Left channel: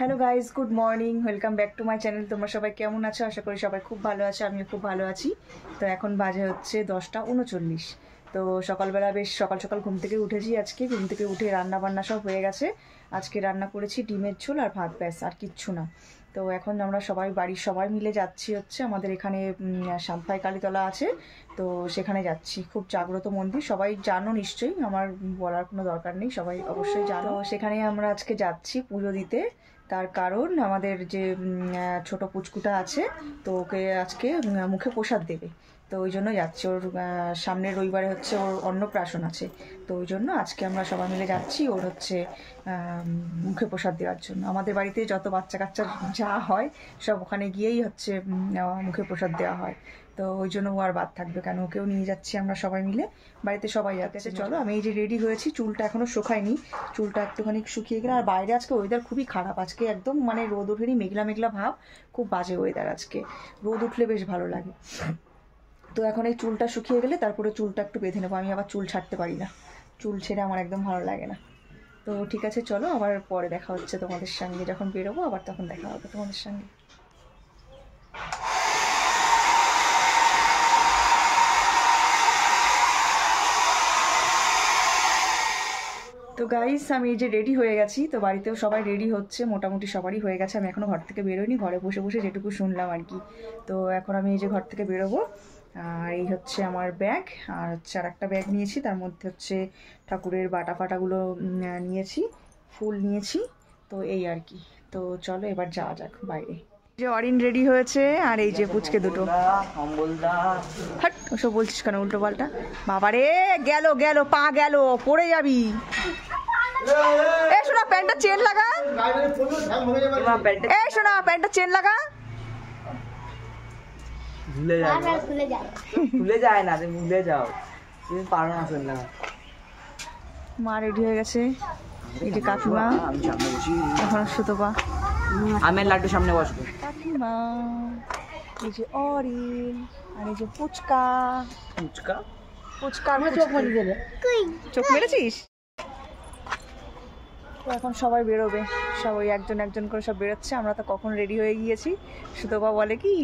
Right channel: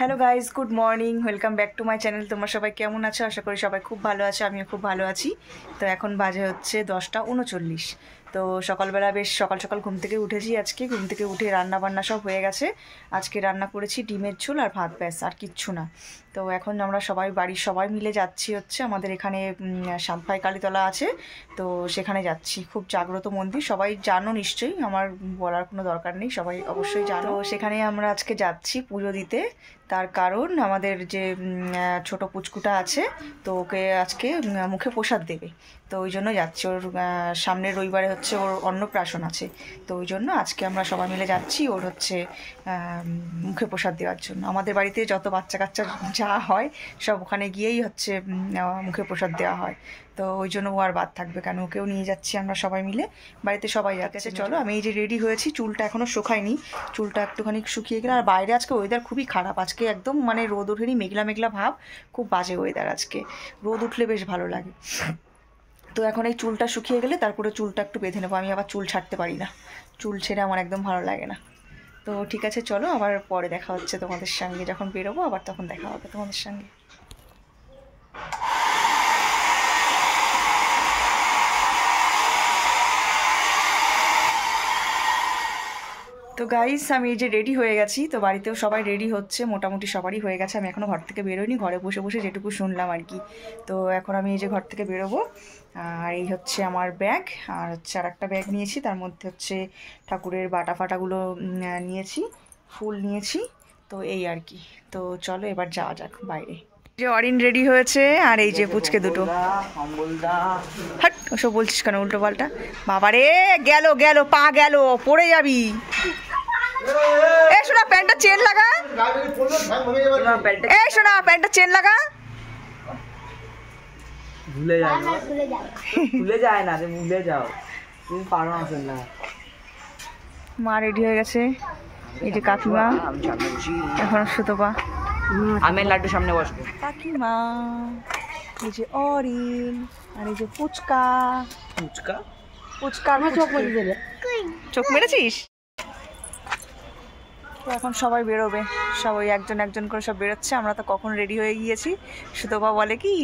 Hello guys, good morning, welcome back to my channel. তোমরা সবাই কেমন আছো? আশা করি সবাই খুব ভালো আছো, আমিও খুব ভালো আছি। তো এখন বাজে হচ্ছে 10টা 39। তো সকালবেলা বেশ সকাল সকাল ঘুম থেকে উঠেছি। আজকে ঘুম থেকে উঠে রান্না বান্না সব হয়ে গেছে। আজকে রান্না করেছি ডিমের ঝোল আর ভাত, ব্যাস আর কিচ্ছু না। তো এখন আমরা সবাই বাড়ির সবাই মিলে যাচ্ছি হচ্ছে আমাদের এখানে সাতভাই কালীতলা আছে, তো সেখানে যাচ্ছি। খুব জাগ্রত মন্দির, সবাই জানো নিশ্চয়ই, আমার বলার কোনো দরকার নেই, সবাই অবশ্যই জানো। সেখানে আমরা আজকে যাচ্ছি পুজো দিতে। তার কারণ আমাদের যে ছোট পুচকুটা আছে, তো ওকে আজকে মুখে প্রসাদ দেবে, তো ওই জন্য যাচ্ছি। ওর সামনের রবিবারে হচ্ছে ওর অন্নপ্রাশন আছে, তো ওই জন্য আজকে আমরা সবাই মিলে যাচ্ছি ওর হচ্ছে মুখে প্রসাদ দেওয়ার জন্য। আমাদের বাড়িতে যত বাচ্চা কাচ্চা যা হয় সব ওখানে গিয়েই হচ্ছে মুখে প্রসাদ দেওয়া হয়, তো ওই জন্য ও আর বাদ থাকবে কেন, ওকেও নিয়ে যাচ্ছি আমরা সবাই মিলে। বাড়িতে সবাই যাচ্ছে। চলো, আমি এই যে রেডি হয়েছি, চুলটা এখনও শুকায়নি, চুলটা একটুখানি শুকিয়ে গেলে। আর বাইরে আজকে ওয়েদার খুবই খারাপ, আজকে একদম মানে রোদ ওঠেনি, মেঘলা মেঘলা ভাব, খুব বাজে ওয়েদার আজকে। রোদ উঠলে বেশ ভালো লাগে। তো এখন এই চুলটা শুকিয়ে গেলে তারপরে চুলটা একটু বেঁধে নেবো। আমি আবার চুল ছাড়তে পারি না, চুল ছেড়ে আমার একদম ভালো লাগে না। তো ঠিক আছে, চলো আবার পরে দেখা হচ্ছে তোমাদের সঙ্গে, যখন বেরোবো আবার তখন দেখা হবে তোমাদের সঙ্গে। তো গাইস, আমি এই যে রেডি হয়ে গেছি, তো বাড়িতেও সবাই রেডি হচ্ছে, মোটামুটি সবারই হয়ে গেছে। আমি এখনও ঘর থেকে বেরোইনি, ঘরে বসে বসে যেটুকু শুনলাম আর কি। তো এখন আমি এই যে ঘর থেকে বেরোবো, আর এই হচ্ছে আমার ব্যাগ, আর হচ্ছে আর একটা ব্যাগ নিয়েছি, তার মধ্যে হচ্ছে ঠাকুরের বাটা ফাটাগুলো নিয়েছি, ফুল নিয়েছি, তো এই আর কি। তো চলো এবার যাওয়া যাক বাইরে। যে অরিন রেডি হয়েছে, আর এই যে পুচকে দুটো। হাট, ওসব বলছিস কেন উল্টো পাল্টা? বাবারে, গেল গেল, পা গেল, পড়ে যাবি। এই শোনা, প্যান্টটা চেন লাগা। এই শোনা, প্যান্টটা চেন লাগা। ভুলে যায় না, ভুলে যাও, তুমি পারো না। মা রেডি হয়ে গেছে, এই যে কাকিমা, এখন সুতপা, আমি লাড্ডু সামনে বসবো। কাকিমা, এই যে অরিন, আর এই যে পুচকা। ফুচকা পুচকা চোখ মেরেছিস? তো এখন সবাই বেরোবে, সবাই একজন একজন করে সব বেরোচ্ছে। আমরা তো কখন রেডি হয়ে গিয়েছি। সুতপা বলে কি,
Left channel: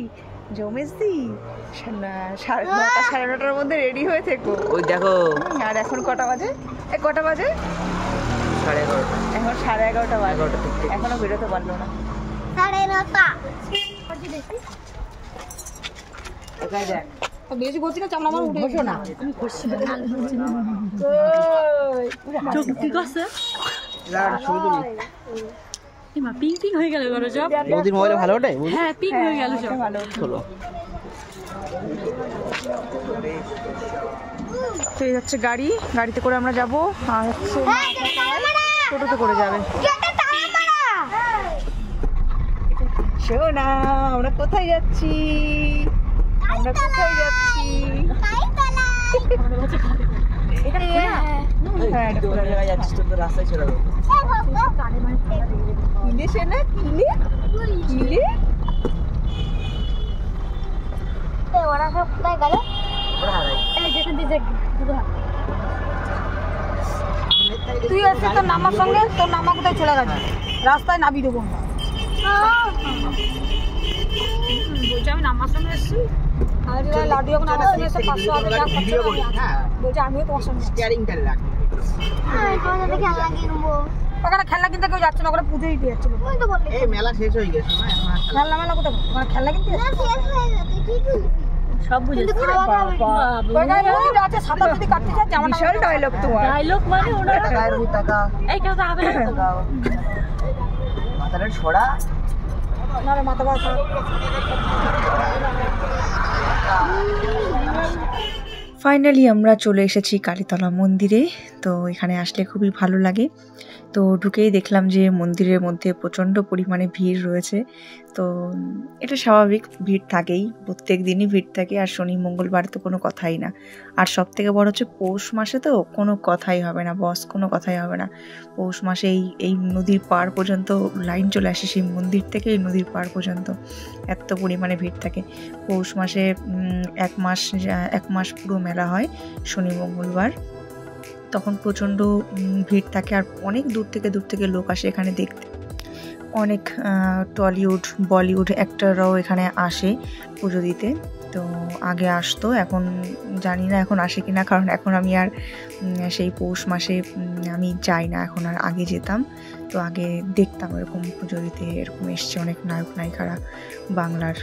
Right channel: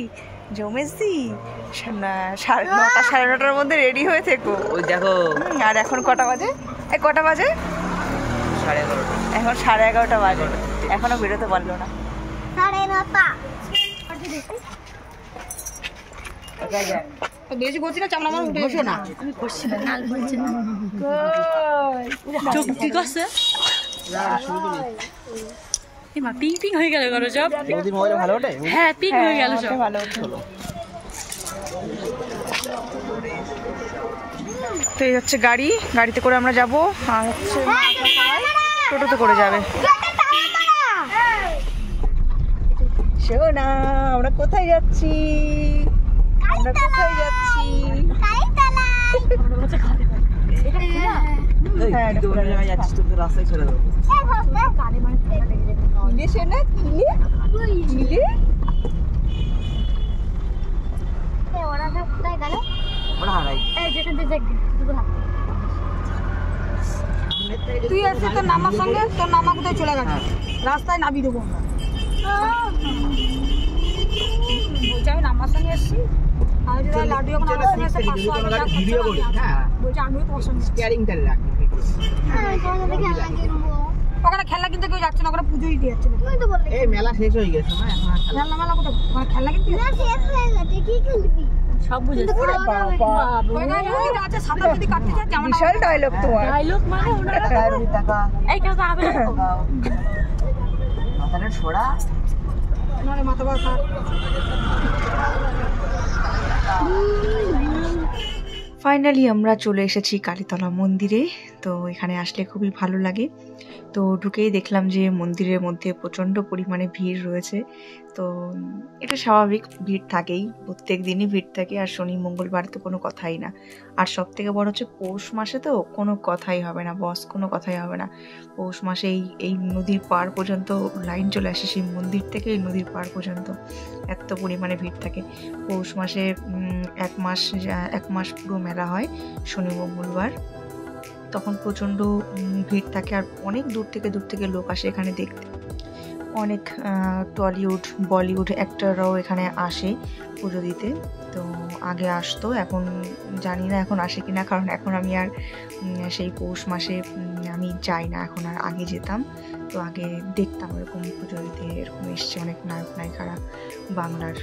জমেশদি 9টা 9:30-র মধ্যে রেডি হয়ে থেকো। ওই দেখো, আর এখন কটা বাজে? কটা বাজে? 11:30। এখন 11:30 বাজে, এখনো বেরোতে পারলো না। বেশি করছি না, চামড়া আমার উঠে না, আমি করছি না, চোখ ঠিক আছে। পিং পিং হয়ে গেল সব। ভালো ওঠে? হ্যাঁ, পিং হয়ে গেল সব, ভালো হলো। তো এই হচ্ছে গাড়ি, গাড়িতে করে আমরা যাব, আর হচ্ছে টোটোতে করে যাবে। শোনা, আমরা কোথায় যাচ্ছি? আমরা কোথায় যাচ্ছি? রাস্তায় ছেড়ে দেবো। কিলে শোনা, কিলে কিলে। ওরা সব কোথায় গেল? তুই আসছিস তোর নামার সঙ্গে, তোর নামা কোথায় চলে গেছে? রাস্তায় নাবি দেবো না। বলছি আমি নামার সঙ্গে এসছি, আর লাড্ডু যখন আমার সঙ্গে এসে 500 বলছি আমিও তোমার সঙ্গে। ওখানে খেলনা কিনতে কেউ যাচ্ছে না, ওখানে পুজোই দিয়ে যাচ্ছে। এই মেলা শেষ হয়ে গেছে না, খেলনা মেলা কোথায়? মানে খেলনা কিনতে সব বুঝে আছে। সাঁতার যদি কাটতে যায়, যেমন বিশাল ডায়লগ তোমার। ডায়লগ মানে ওনারা এই কেউ তো হবে মাথাটা ছোড়া না রে, মাথা ব্যথা। ফাইনালি আমরা চলে এসেছি কালীতলা মন্দিরে। তো এখানে আসলে খুবই ভালো লাগে। তো ঢুকেই দেখলাম যে মন্দিরের মধ্যে প্রচণ্ড পরিমাণে ভিড় রয়েছে। তো এটা স্বাভাবিক, ভিড় থাকেই, প্রত্যেক দিনই ভিড় থাকে। আর শনি মঙ্গলবার তো কোনো কথাই না। আর সব থেকে বড় হচ্ছে পৌষ মাসে তো কোনো কথাই হবে না, বস কোনো কথাই হবে না। পৌষ মাসে এই নদীর পাড় পর্যন্ত লাইন চলে আসে, সেই মন্দির থেকে এই নদীর পাড় পর্যন্ত এত পরিমাণে ভিড় থাকে। পৌষ মাসে 1 মাস পুরো মেলা হয়, শনি মঙ্গলবার। তখন প্রচণ্ড ভিড় থাকে, আর অনেক দূর থেকে লোক আসে এখানে দেখতে। অনেক টলিউড বলিউড অ্যাক্টররাও এখানে আসে পুজো দিতে। তো আগে আসতো, এখন জানি না এখন আসে কিনা, কারণ এখন আমি আর সেই পৌষ মাসে আমি যাই না, এখন আর আগে যেতাম। তো আগে দেখতাম এরকম পুজো দিতে, এরকম এসছে অনেক নায়ক নায়িকারা বাংলার।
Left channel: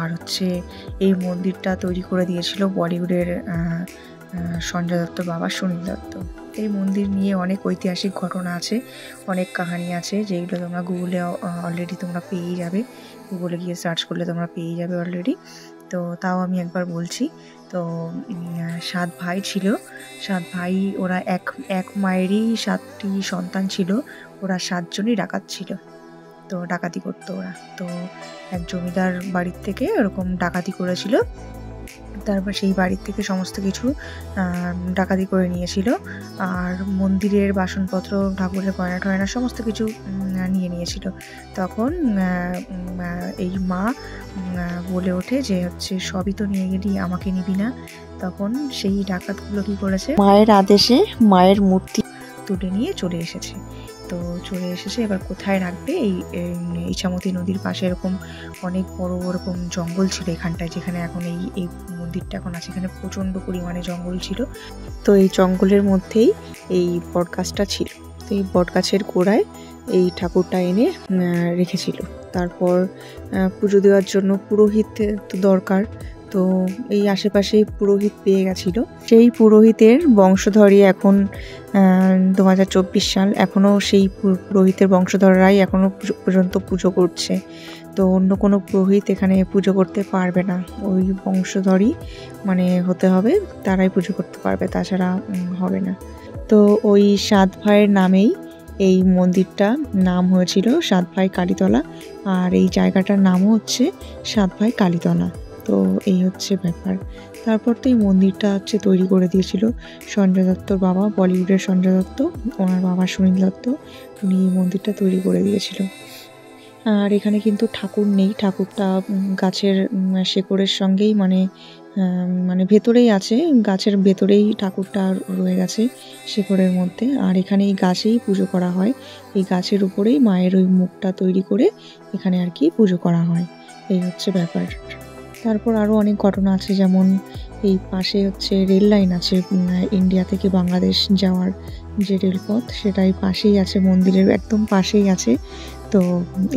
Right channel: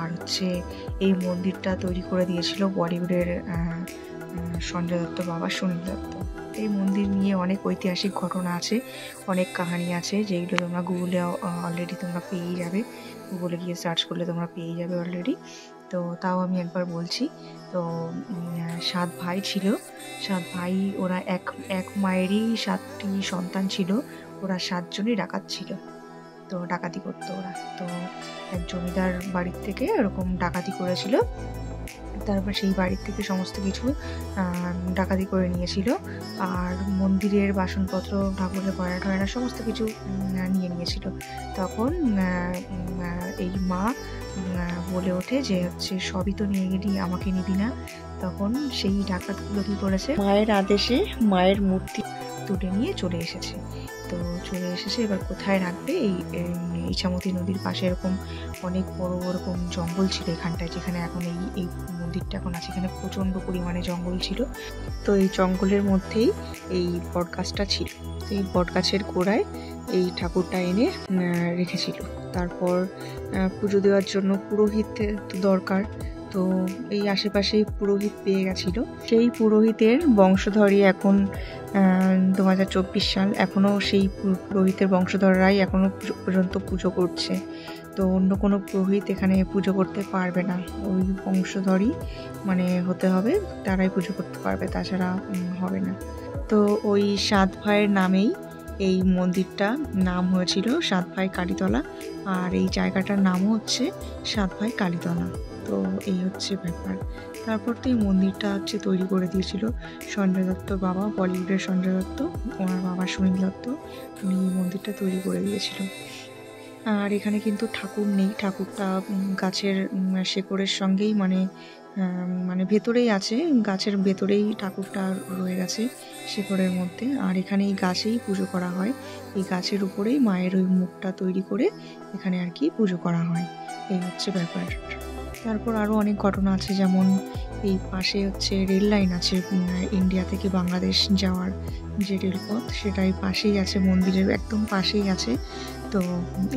আর হচ্ছে এই মন্দিরটা তৈরি করে দিয়েছিল বলিউডের সঞ্জয় দত্তর বাবা সুনীল দত্ত। এই মন্দির নিয়ে অনেক ঐতিহাসিক ঘটনা আছে, অনেক কাহিনী আছে, যেগুলো তোমরা গুগলে অলরেডি তোমরা পেয়েই যাবে, গুগলে গিয়ে সার্চ করলে তোমরা পেয়ে যাবে অলরেডি। তো তাও আমি একবার বলছি। তো 7 ভাই ছিল, 7 ভাই, ওরা এক মায়েরই 7টি সন্তান ছিল, ওরা 7 জনই ডাকাত ছিল। তো ডাকাতি করতো ওরা। তো এক জমিদার বাড়ির থেকে এরকম ডাকাতি করেছিল, তারপর সেই বাড়ির থেকে সমস্ত কিছু ডাকাতি করে নিয়েছিল। আর মন্দিরের বাসনপত্র, ঠাকুরের গয়না টয়না সমস্ত কিছু নিয়ে নিয়েছিল। তখন এই মা বলে ওঠে যে হচ্ছে সবই তো নিয়ে গেলি, আমাকে নিবি না। তখন সেই ডাকাতগুলো কি করেছে, মায়ের আদেশে মায়ের মূর্তি তুলে নিয়ে চলে এসেছে। তো চলে এসেছে, এবার কোথায় রাখবে? এই ইছামতি নদীর পাশে এরকম অনেক বড় ওরকম জঙ্গল ছিল এখানটায়, যেখানে এখন এই মন্দিরটা এখন আছে, এখানে প্রচণ্ড পরিমাণে জঙ্গল ছিল। তো এই জঙ্গলের মধ্যেই এই বটগাছটা ছিল। তো এই বটগাছের গোড়ায় এই ঠাকুরটা এনে রেখেছিল। তারপর পুজো দেওয়ার জন্য পুরোহিত তো দরকার, তো এই আশেপাশে পুরোহিত পেয়ে গেছিল। সেই পুরোহিতের বংশধরই এখন 2024 সাল এখনও সেই পুরোহিতের বংশধররাই এখনও পর্যন্ত পুজো করছে। তো অন্য কোনো পুরোহিত এখানে পুজো করতে পারবে না, ওই বংশধরই মানে হতে হবে, তারাই পুজো করতে পারবে, তাছাড়া হবে না। তো ওই 7 ভাইয়ের নামেই এই মন্দিরটা নাম হয়েছিল 7 ভাই কালীতলা, আর এই জায়গাটার নামও হচ্ছে 7 ভাই কালীতলা। তো এই হচ্ছে ব্যাপার। তারপর তো এই মন্দিরটা হচ্ছে তৈরি করে দিয়েছিল সঞ্জয় দত্তর বাবা, বলিউডের সঞ্জয় দত্ত, ওনার বাবা সুনীল দত্ত, উনি এই মন্দিরটা তৈরি করে দিয়েছিল। আর এখানে কিন্তু ঠাকুর নেই, ঠাকুরটা গাছের শেকড়ের সঙ্গেই মানে ভেতরেই আছে, গাছের ভেতরেই ঠাকুরটা রয়ে গেছে শেকড়ের মধ্যে। আর এখানে এই গাছেই পুজো করা হয়, এই গাছের উপরেই মায়ের ওই মুখটা তৈরি করে এখানে আর কি পুজো করা হয়। এই হচ্ছে ব্যাপার। তারপর আরও অনেক ঘটনা আছে, যেমন এই পাশে হচ্ছে রেল লাইন আছে, ইন্ডিয়া থেকে বাংলাদেশ যাওয়ার যে রেলপথ, সেটাই পাশেই আছে, মন্দিরের একদম পাশেই আছে। তো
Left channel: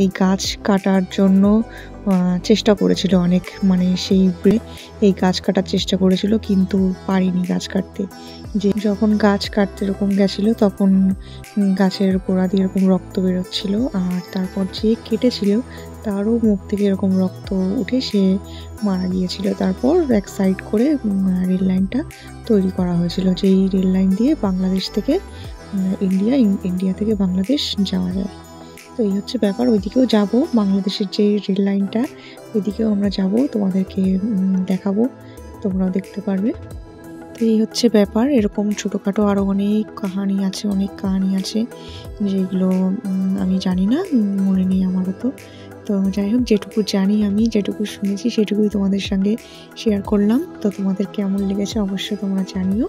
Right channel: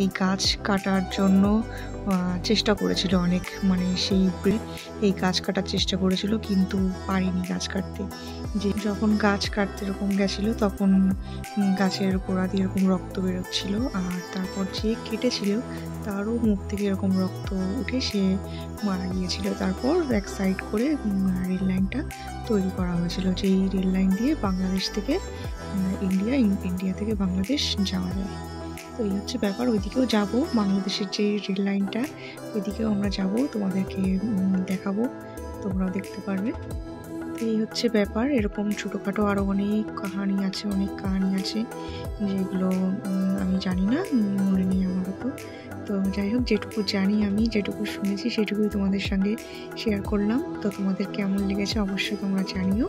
এই গাছ কাটার জন্য চেষ্টা করেছিল অনেক, মানে সেই এই গাছ কাটার চেষ্টা করেছিল, কিন্তু পারিনি গাছ কাটতে। যে যখন গাছ কাটতে এরকম গেছিল, তখন গাছের গোড়া দিয়ে এরকম রক্ত বেরোচ্ছিল, আর তারপর যে কেটেছিল তারও মুখ থেকে এরকম রক্ত উঠে সে মারা গিয়েছিল। তারপর এক সাইড করে রেল লাইনটা তৈরি করা হয়েছিল, যেই রেল লাইন দিয়ে বাংলাদেশ থেকে ইন্ডিয়া থেকে বাংলাদেশ যাওয়া যায়। তো এই হচ্ছে ব্যাপার। ওইদিকেও যাব, বাংলাদেশের যে রেল লাইনটা, ওইদিকেও আমরা যাব, তোমাদেরকে দেখাবো, তোমরাও দেখতে পারবে। তো এই হচ্ছে ব্যাপার। এরকম ছোটোখাটো আরও অনেক কাহিনী আছে, যেগুলো আমি জানি না, মনে নেই আমারও। তো যাই হোক, যেটুকু জানি আমি, যেটুকু শুনেছি, সেটুকুই তোমাদের সঙ্গে শেয়ার করলাম। তো তোমাদের কেমন লেগেছে অবশ্যই তোমরা জানিও।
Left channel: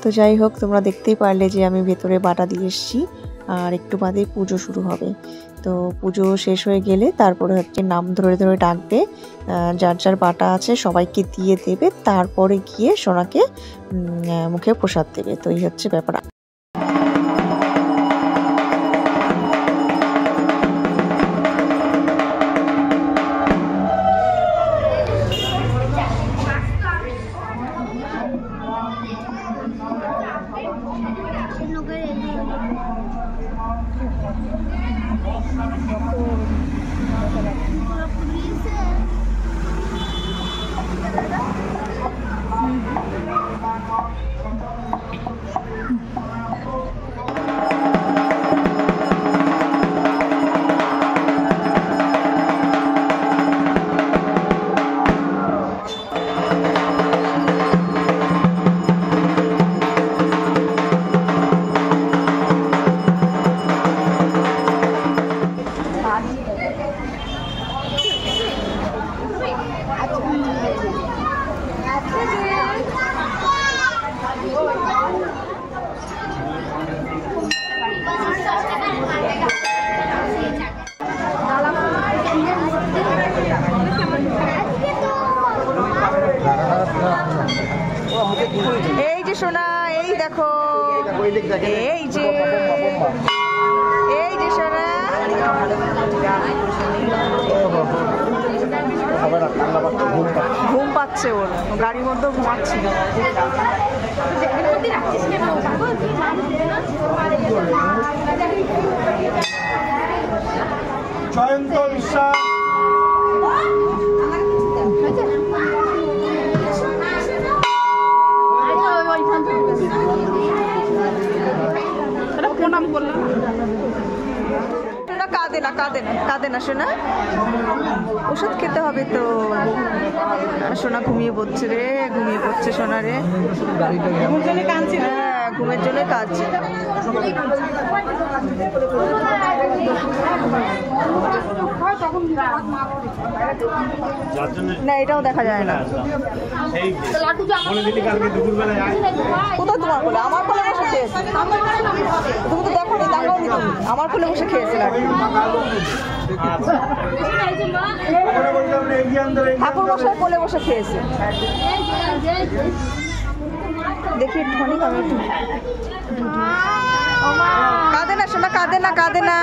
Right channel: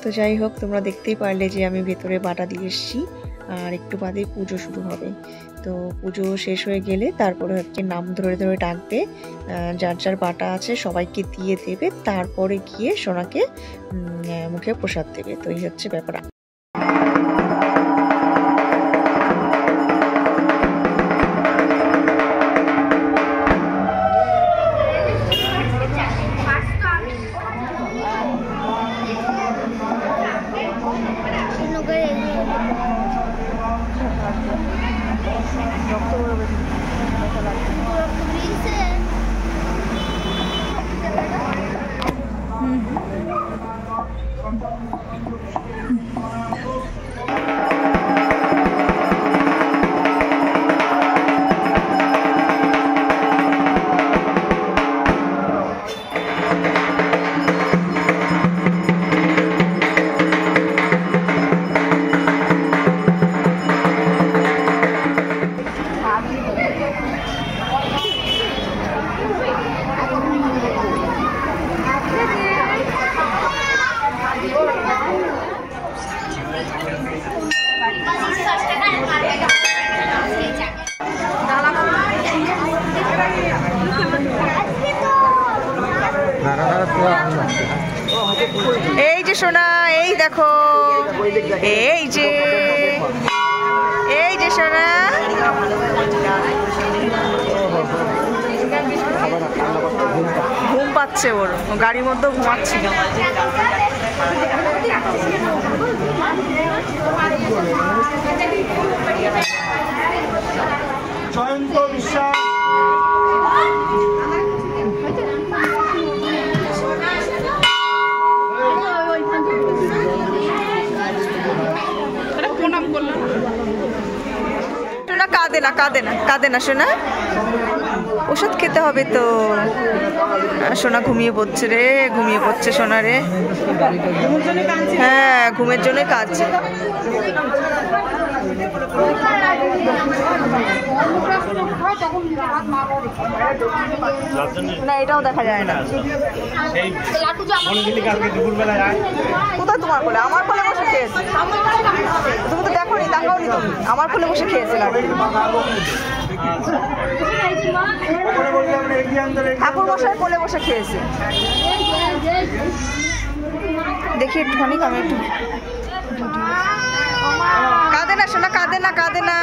তো যাই হোক, তোমরা দেখতেই পারলে যে আমি ভেতরে বাটা দিয়ে এসেছি, আর একটু বাদে পুজো শুরু হবে। তো পুজো শেষ হয়ে গেলে তারপরে হচ্ছে নাম ধরে ধরে ডাকবে, যার যার বাটা আছে সবাইকে দিয়ে দেবে, তারপরে গিয়ে সোনাকে মুখে প্রসাদ দেবে। তো এই হচ্ছে ব্যাপার। এই যে সোনা, এই দেখো, এই যে সোনা, ঘুম পাচ্ছে ওর, গাড়ির মধ্যে ঘুমাচ্ছিল। জয়ন্ত বিশ্বাস, প্রণাম করলাম। সোনা কাঁদে না, কাঁদে না, কাঁদে না সোনা, ওষুধ খেতে হবে তো। সোনা ঘুমিয়ে পড়ছে রে, ঘুমিয়ে পড়ছে সোনা রে। হ্যাঁ, ঘুমের জন্যই কাঁদছে। না, এটাও দেখা যায় না। কোথায় তোমার কোলে? আমার কোলে বসে খেয়েছে। তুমি তো দেখো নি, তাকাও নি তুমি। আমার কোলে বসে খেয়েছে লাড্ডু। ঠাকুর মশাই কোলে বসে খেয়েছে। দেখি একটুখানি, আমি একটু। কাঁদে না সোনা, কাঁদে না, কাঁদে না।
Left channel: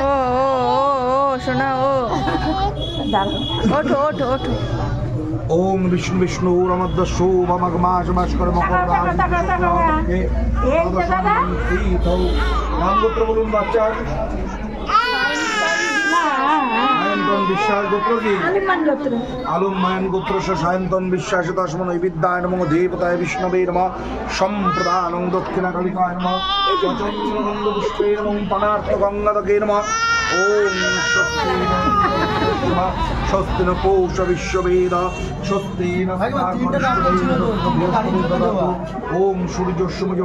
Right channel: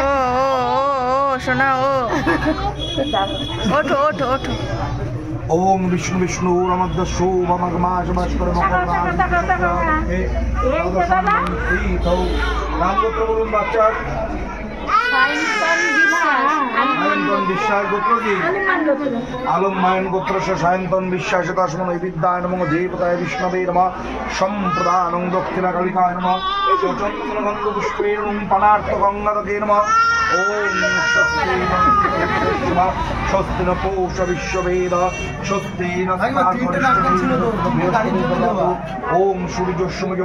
ও সোনা, ও ওঠো ওঠো ওঠো। ওম বিষ্ণু বিষ্ণু রমদ্দস্যু মমগ মাস মাস করে মকর রাজ নাম গোত্র বলুন বাচ্চার। সায়ন্তন বিশ্বাস গোত্র কি? আলম মায়ন গোত্র সায়ন্তন বিশ্বাস তস্মন বিদ্যায় নমঃ দেবতায় বিষ্ণবে নমঃ সম্প্রদানং দক্ষিণা কালিকায় নমঃ চন্দ্রগন্ধ পুষ্পে নমঃ পানার্থ গঙ্গাদকে নমঃ। ওম স্বস্তি ন পৌষ বিশ্ববেদ স্বস্তি ন ওম সূর্য সূর্য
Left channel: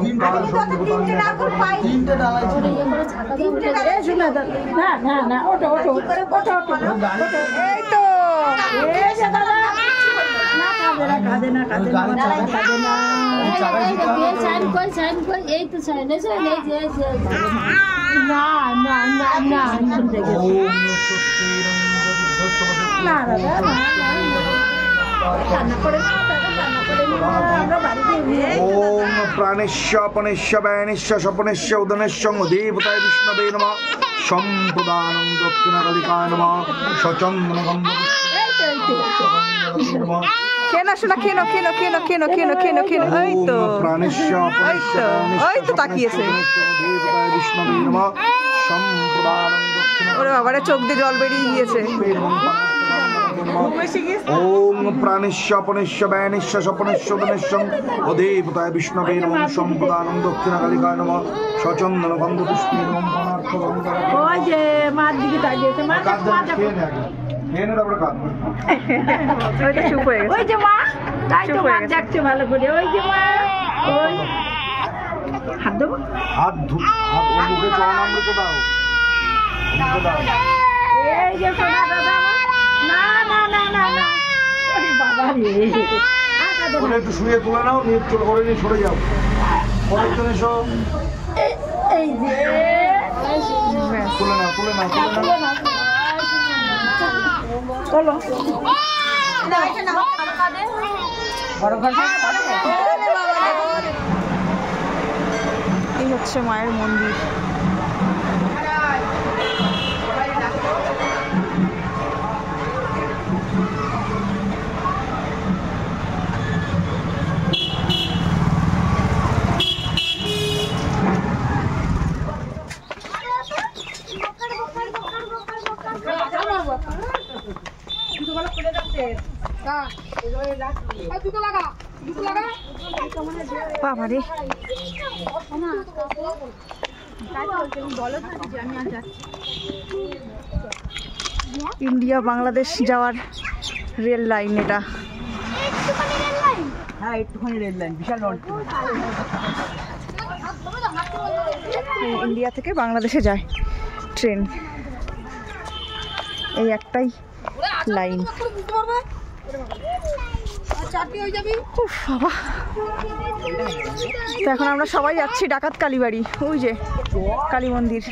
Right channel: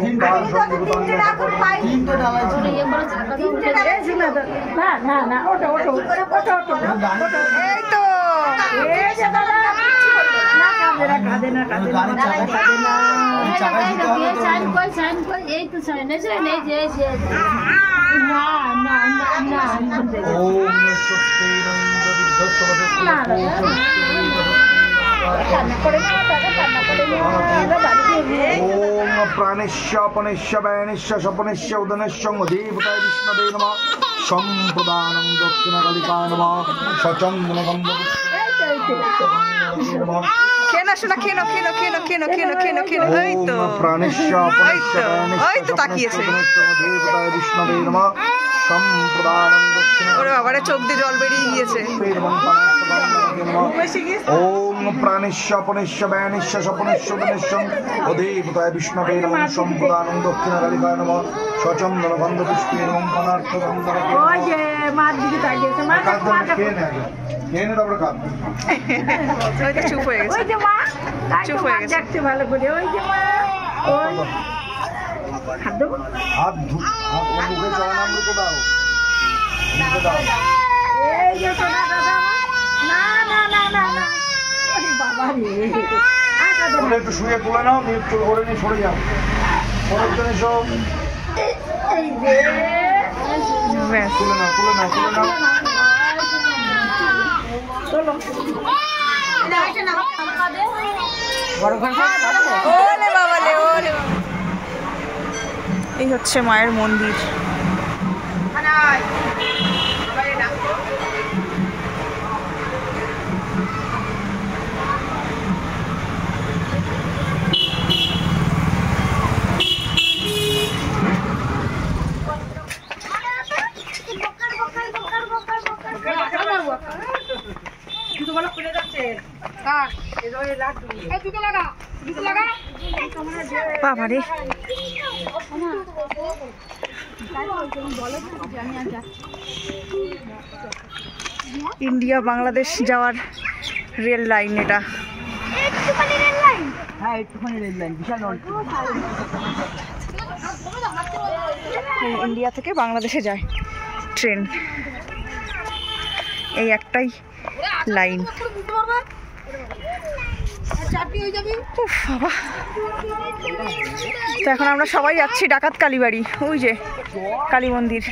এই তো ওম প্রাণেশ্য পনেশ্য ব্যয়নেশ্য স্বপনেশ্য উদনেশ্য দেবতায় বিষ্ণবে নমঃ সম্প্রদানং দক্ষিণা কালিকায় নমঃ সচন্দন গন্ধ কেন শোনা, কেন কেন কেন কেন কেন কেন কেন ওই তো প্রাণেশ্য পনেশ্য ওই তো তাকিয়েছে। দেবতায় বিষ্ণবে নমঃ সম্প্রদানং দক্ষিণা। ওরে বাবারে, চোখ দিয়ে জল বেরিয়ে গিয়েছে। ওম প্রাণেশ্য পনেশ্য ব্যয়নেশ্য স্বপনেশ্য উদনেশ্য ও দেবতায় বিষ্ণবে নমঃ সম্প্রদানং দক্ষিণা কালিকায় নমঃ সচন্দন গন্ধ পুষ্পে নমঃ পানার্থ গন্ধ। ওই যে মার দিকে তাকিয়েছে, মা খেয়ে নে তারপরে কাঁদ। ওই তো চুপ হয়ে গেছে। ওই যে মা, তাই তো চুপ হয়ে মা গেছে। দেখতে ভালো করে। ওই যে মা, ওই হাত দেবো। হাত মুখে চরণামৃত দাও, মুখে দাও। এই যে সোনা দাদা, না না না না না, ওরে বাবা রে, আটা দেবো। তুলে একটু শুয়ে তুলে নাও, নিয়ে চুল করে নিয়ে সরে যাও। পরের জন এসো, এই যে ব্যাস। তুলে নাও তুলে নাও তুলে নাও। চলো। ওলে বাবা লে, ওলে। এই হচ্ছে মায়ের মন্দির। বাবারে, ইন্ডিয়া বাংলাদেশ যাওয়ার রেল লাইন এটা। হ্যাঁ একটুখানি রেল লাইন, বিশাল ইন্ডিয়া থেকে বাংলাদেশে যায় ট্রেন। এই একটাই লাইন। উফ বাবা। তো এখন আমরা সবাই যাচ্ছি ডাকাত কালীবাড়ি, ওই যে কালী মন্দির।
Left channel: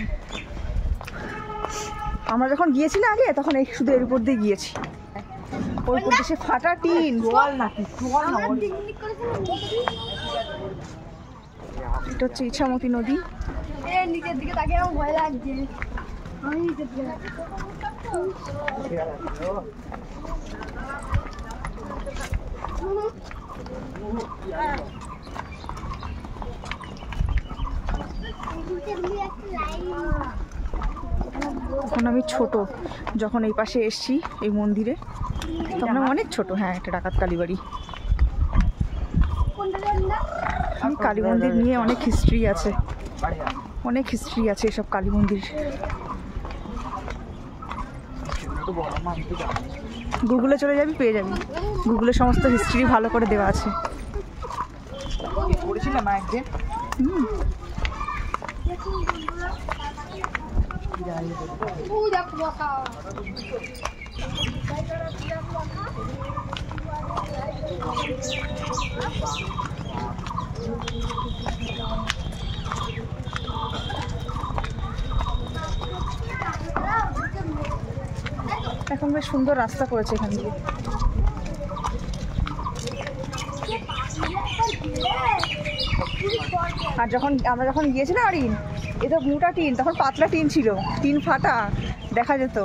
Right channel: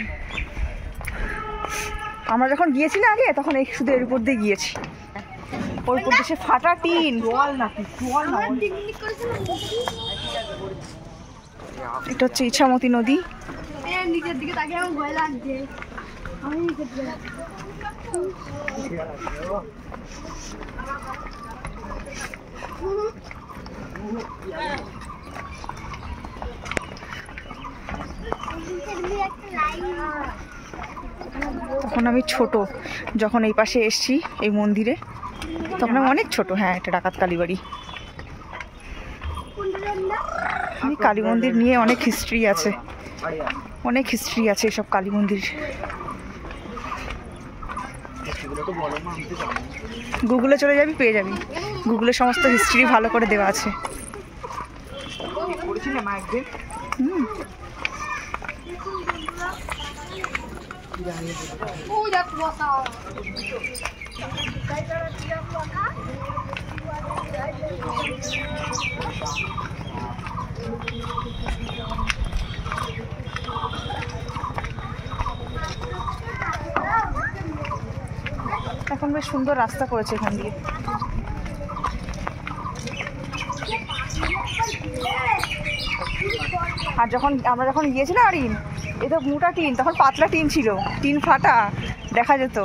আমরা যখন গিয়েছি না আগে, তখন এই শুধু এর উপর দিয়ে গিয়েছি, ওর উপর দিয়ে সে ফাটা টিন। এটা হচ্ছে ইছামতি নদী। নিচের দিকে তাকিয়ে আমার ভয় লাগছে। আমি নিচের দিকে তখন আমি ছোট, যখন এই পাশে এসছি এই মন্দিরে, তখন আমি অনেক ছোট। হ্যাঁ, এটা ডাকাত কালীবাড়ি। এই কালী মন্দির নিয়ে অনেক হিস্ট্রি আছে, অনেক হিস্ট্রি আছে এসব কালী মন্দির। গুগলে চলে যাবি, পেয়ে যাবি। গুগলে সমস্ত হিস্ট্রি ভালো করে দেওয়া আছে। এখন বেশ সুন্দর রাস্তা করেছে এখান দিয়ে। আর আমরা যখন গিয়েছিলাম আরিন, এ তো মোটা টিন, তখন পাতলা টিন ছিল, টিন ফাটা দেখা যেত।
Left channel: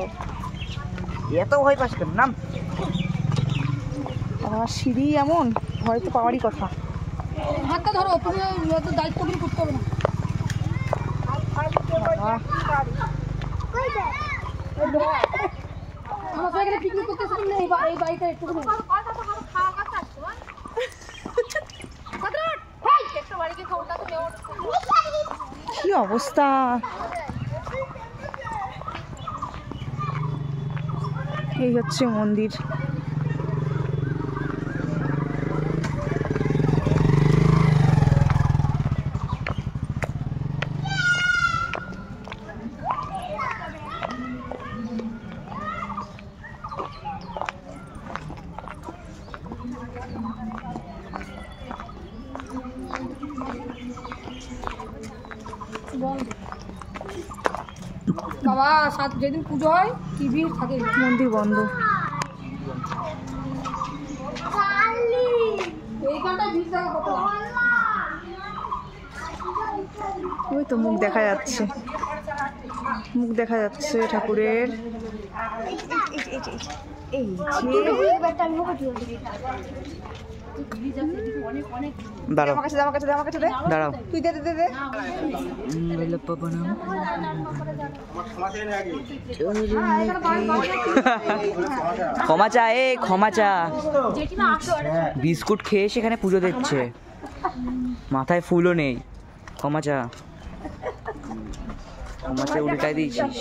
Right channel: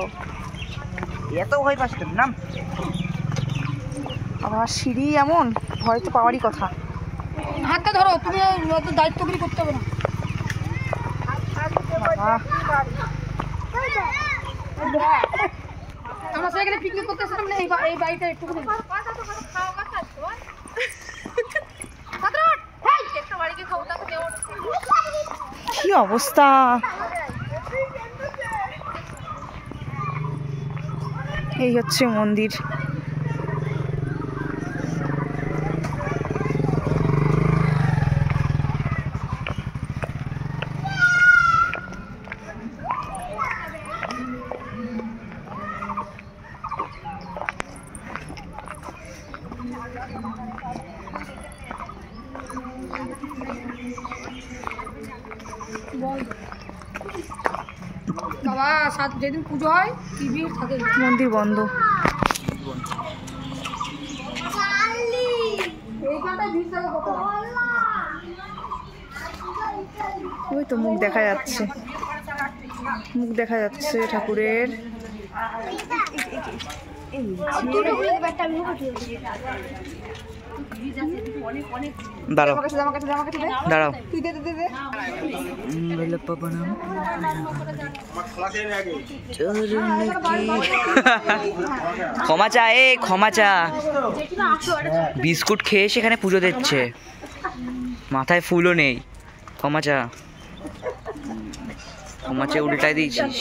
এত ভয় পাচ্ছিলাম না। আবার সিঁড়ি এমন, ভয় তো পাওয়ারই কথা। হাতটা ধরো, তুমি অত দায়িত্বগুলি করতে হবে না। বাবা, আমরা সেখানে পিকনিক করতে আসলাম না, এই বাড়িটা একটু কি অবস্থা! এই হচ্ছে মন্দির। বাবা, যেদিন পুজো হয় কি ভিড় থাকে। মন্দির বন্ধ। এইখানটায় ভিড় থাকে কত। ওই তো মুখ দেখা যাচ্ছে, মুখ দেখা যাচ্ছে ঠাকুরের। দাঁড়াও দাঁড়াও। ক্ষমা চা, এ ক্ষমা চা। বিস্কুট খেয়ে সেখানে পুজো দিচ্ছে, মাথায় ফুলও নেই। ক্ষমা চা, ক্ষমা চা উল্টাই দিয়েছিস।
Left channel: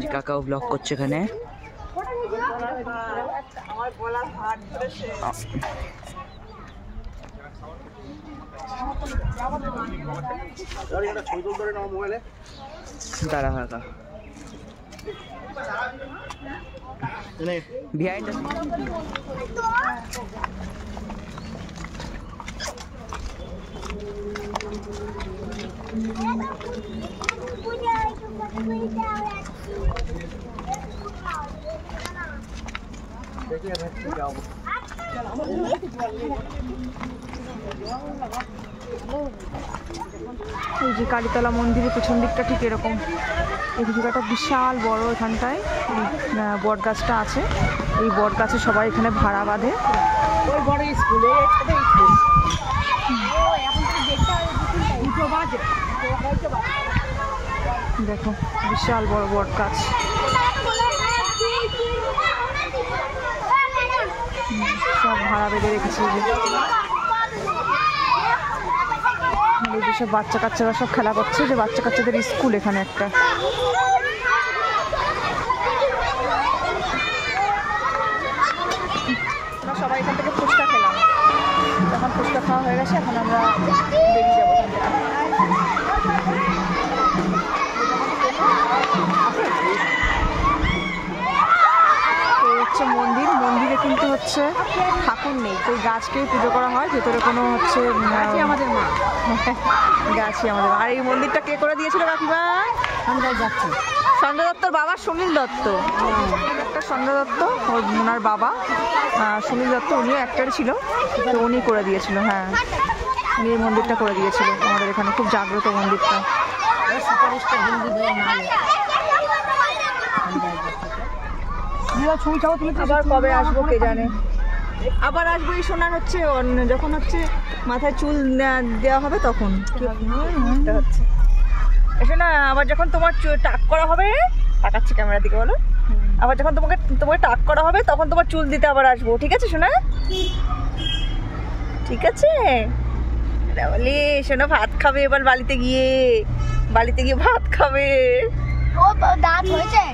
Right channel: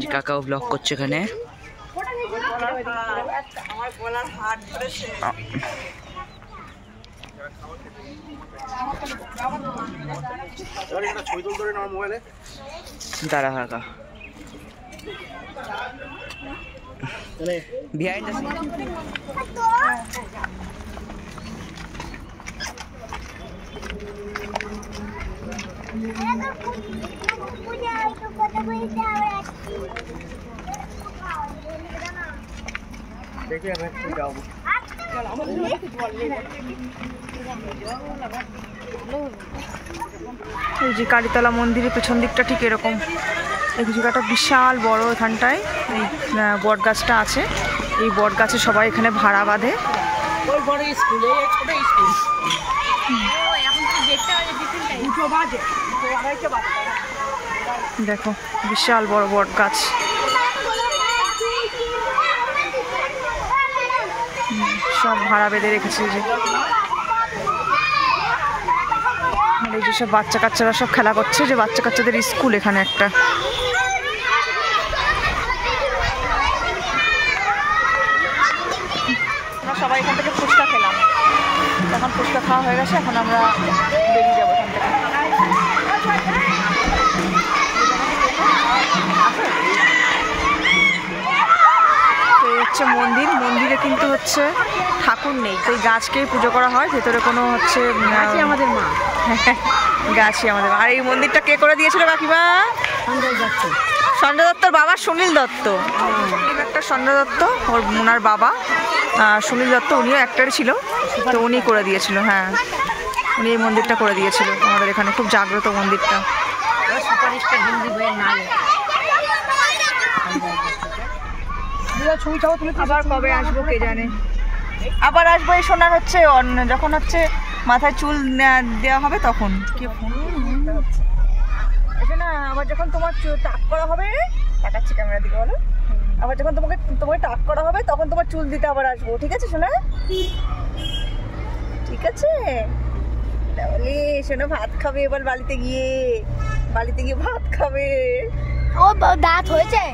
যে কাকাও ব্লগ করছে এখানে। দাঁড়া কাকা, বিহাইন্ড দ্য সিন। এই যে কালীতলা মন্দিরের পেছন দিকটা ঠিক এরকম। এই জায়গাটা বিশাল বড়, এখানটায় এই বট গাছটা আছে। এই বট গাছে সবাই এখানে ভাড়া বাঁধে। দেখো বিশাল বড় বট গাছ। সব ভাড়া বেঁধে রেখেছে। যে এই যে সব বাচ্চা কাচ্চারা সব খেলা করছে, যে বাচ্চা কাচ্চাদের স্কুল এখানে একটা। আমরা সবাই এখান থেকে ফুচকা খেলাম, এখন ফুচকা খাওয়া হয়ে গেছে, এখন আমরা বেরিয়ে যাবো এখান থেকে। হচ্ছে মন্দির, মন্দিরে কিন্তু হচ্ছে ঠাকুর নেই, তো এই গাছকেই পুজো করা হয়। ভেতরে কোনো হচ্ছে গাছই আমাদের। আর এই মন্দিরটা কে করে দিয়েছিল কাকিমা? সঞ্জয় দত্তর বাবা সুনীল দত্ত, একটা সঞ্জয় দত্ত ওনার বাবা সুনীল দত্ত, উনিও অ্যাক্টর ছিল, তো উনি করে দিয়েছিল। হ্যাঁ, উনি এই মন্দিরটা করে দিয়েছিল আমাদের এখানে, খুব জাগ্রত মন্দিরটা। আবার কবে আসবো কে জানে, আবার আসবো এই সোনার হচ্ছে যখন হচ্ছে মাথায় চুল দেওয়া হবে তখন। কি হচ্ছে এসে না, আবার যখন তোমার টাক করা হবে, তাকাচ্ছি ক্যামেরার দিকে বলো, আবার যখন তোমাকে টাক করা হবে তখন তোমার চুল দিতে আবার আসবো, ঠিক আছে সোনা? ঠিক আছে বলে শোনো, ভাত খাবে এবার বাড়িতে গিয়ে ভাত খাবে। ও দাঁত হয়েছে,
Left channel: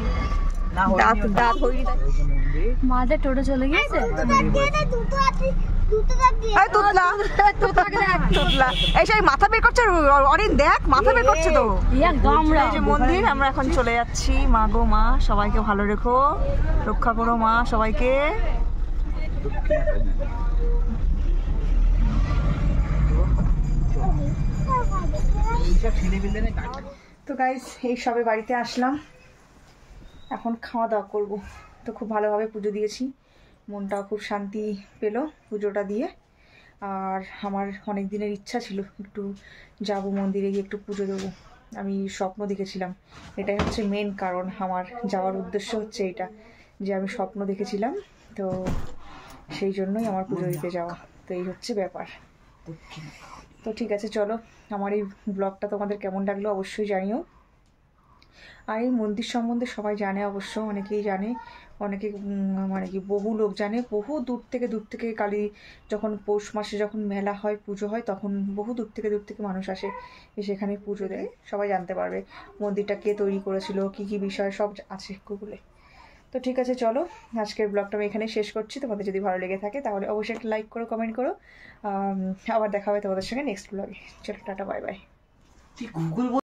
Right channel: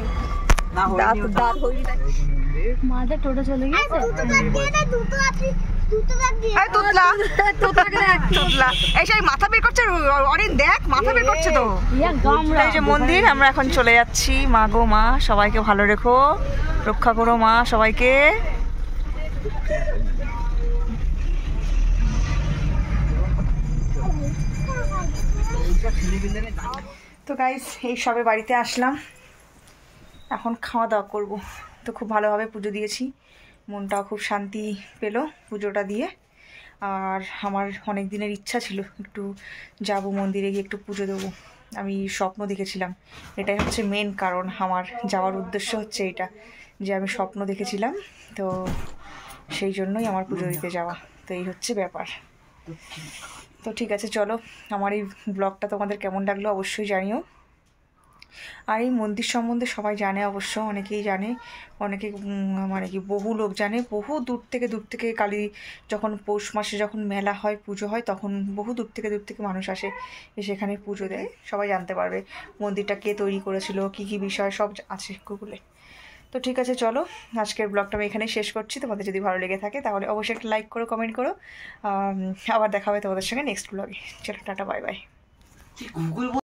দাঁত হয়ে মাঝে টোটো চলে গিয়েছে। মাথা বের করছে অরিন, দেখ মাথা বের করছে তো। এই যে মন্দির, আমরা এখন চলে যাচ্ছি। মা গো মা, সবাইকে ভালো রেখো, রক্ষা করো মা সবাইকে। তো গাইস, এই সবে বাড়িতে আসলাম, এখন খাওয়া দাওয়া করব। তো খুব ভালোভাবে পুজো দিয়েছি, মনটাও খুব শান্তি পেল পুজোটা দিয়ে। আর আমার অনেক দিনের ইচ্ছা ছিল একটু যাব মন্দিরে গিয়ে একটু পুজো দেবো। আমি স্বপ্ন দেখেছিলাম, এটাই হচ্ছে মেন কারণ আমার যাওয়ার উদ্দেশ্য হচ্ছে এটা, যে আমি স্বপ্ন দেখেছিলাম, তো সেই জন্যই আমার পুজো দিতে যাওয়া। তো এই হচ্ছে ব্যাপার। তো ঠিক আছে, চলো, আমার এই ব্লগটা তোমাদের কেমন লাগলো অবশ্যই জানিও। আর এই মন্দির সম্বন্ধে সবাই জানে অবশ্য, অনেকেই জানে, অনেকে মানে কি বহু লোক জানে, বহু দূর থেকে কালী যখন পৌষ মাসে যখন মেলা হয়, পুজো হয়, তখন বহু দূর থেকে মানুষ আসে, এসে এখানে পুজো দেয়। সবাই জানতে পারবে মন্দিরটা কে তৈরি করেছিল, কি বিষয় সব আছে গুগলে। তো ঠিক আছে, চলো, আজকের ব্লগটা আমি এখানেই শেষ করছি। তোমাদের যদি ভালো লেগে থাকে তাহলে অবশ্যই একটা লাইক করো, কমেন্ট করো। আবার দেখা হবে তোমাদের সঙ্গে নেক্সট ব্লগে। চলো, টাটা, বাই বাই।